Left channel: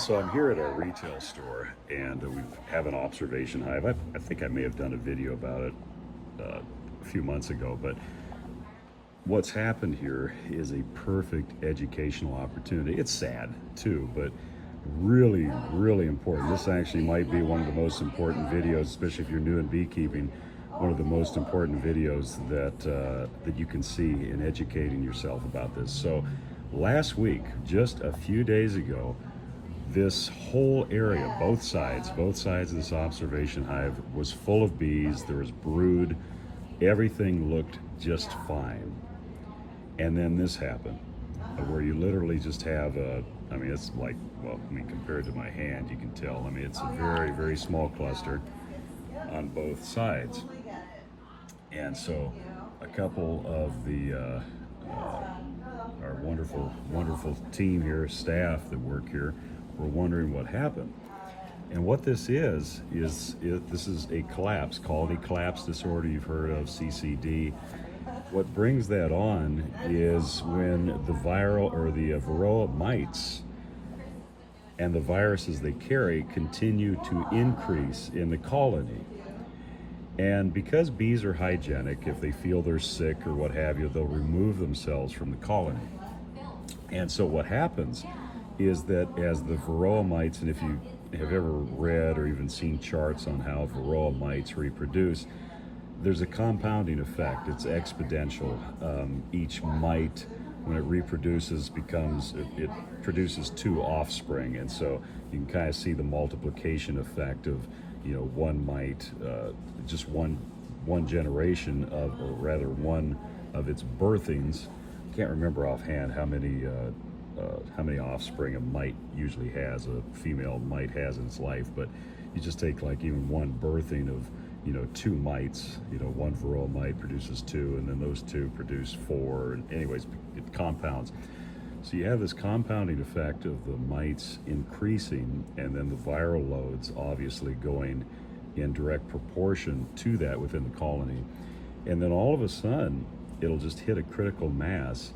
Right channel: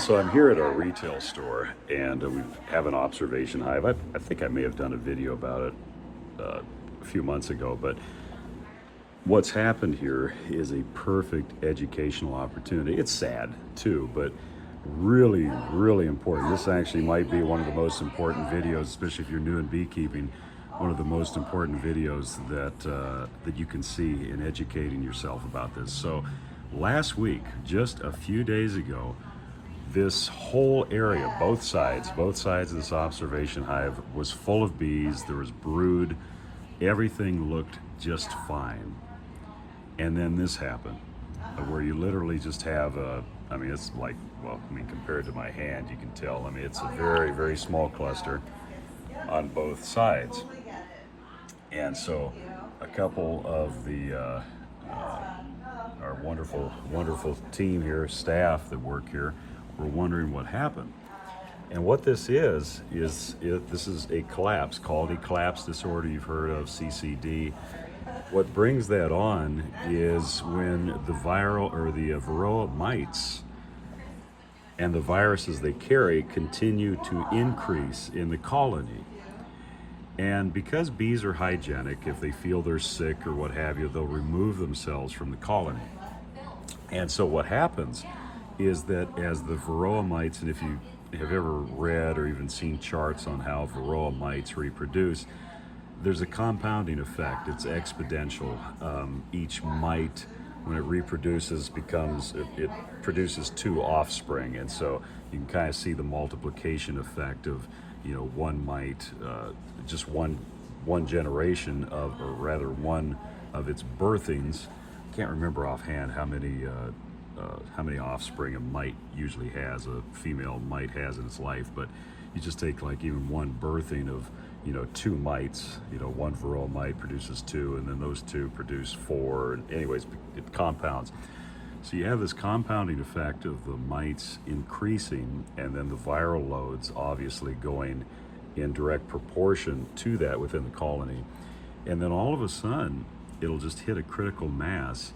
So I'm here at a retail store, and we have an observation hive. I think I may have done a video about it a few months ago, but what's happened here is a perfect educational opportunity. It's sad too, but really, really important. This actually might be one of the most important videos, especially if you're new at beekeeping, one of the most important videos that you can see in educating yourself about this. So last week, just a few days ago, this whole area, both sides of this observation hive was full of bees. There was brood. Everything looked just fine. And then this happened, where you literally just have it's like, compared to my hand, you can tell. It's a very, very small cluster on both sides. And so a couple of our wonderful team here, staff that work here, were wondering what happened. And what this is a collapse, quality collapse disorder. You've heard of CCD. What brings that on is when the viral or the varroa mites and the viruses they carry continue to increase in the colony. And because bees are hygienic, if they feel they're sick or what have you, they'll remove themselves from the colony. And so what happens is that as the varroa mites, and if you have ever read or even seen charts on how varroa mites reproduce, there's a compounding effect. It's exponential. Each mite, when it reproduces, it produces two offspring, and so you can kind of see the multiplication effect of, one mite, just one generation of, or rather one of its birthings. Can't remember offhand how many offspring a mite usually has, a female mite has in its life, but you just take like even one birthing of, two mites, one varroa mite produces two, and then those two produce four, and anyways, it compounds. So you have this compounding effect of the mites increasing, and then the viral loads obviously going in direct proportion to that within the colony. And then all of a sudden, it'll just hit a critical mass,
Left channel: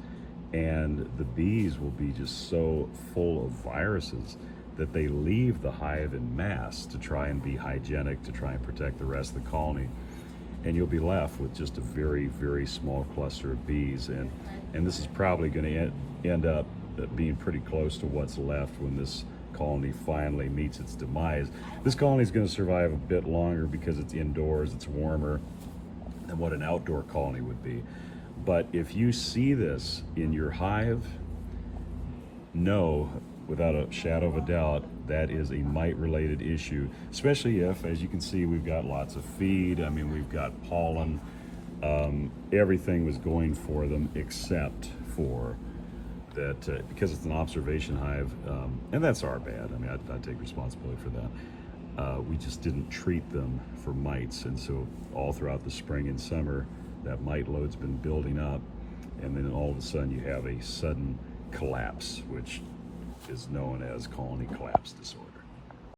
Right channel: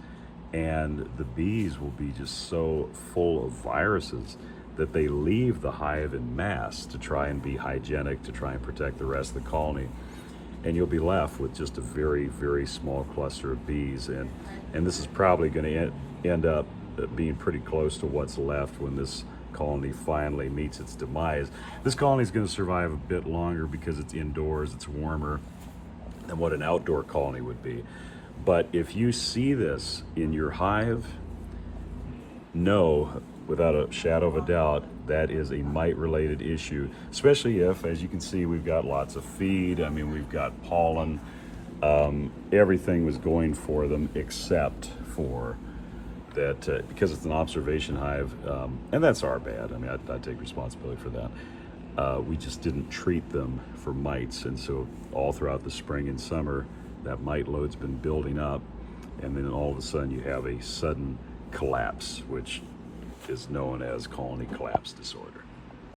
and the bees will be just so full of viruses that they leave the hive in mass to try and be hygienic, to try and protect the rest of the colony. And you'll be left with just a very, very small cluster of bees. And this is probably going to end up being pretty close to what's left when this colony finally meets its demise. This colony is going to survive a bit longer because it's indoors, it's warmer than what an outdoor colony would be. But if you see this in your hive, know without a shadow of a doubt that is a mite-related issue, especially if, as you can see, we've got lots of feed. We've got pollen. Everything was going for them except for that, because it's an observation hive, and that's our bad. I take responsibility for that. We just didn't treat them for mites, and so all throughout the spring and summer, that mite load's been building up, and then all of a sudden you have a sudden collapse, which is known as colony collapse disorder.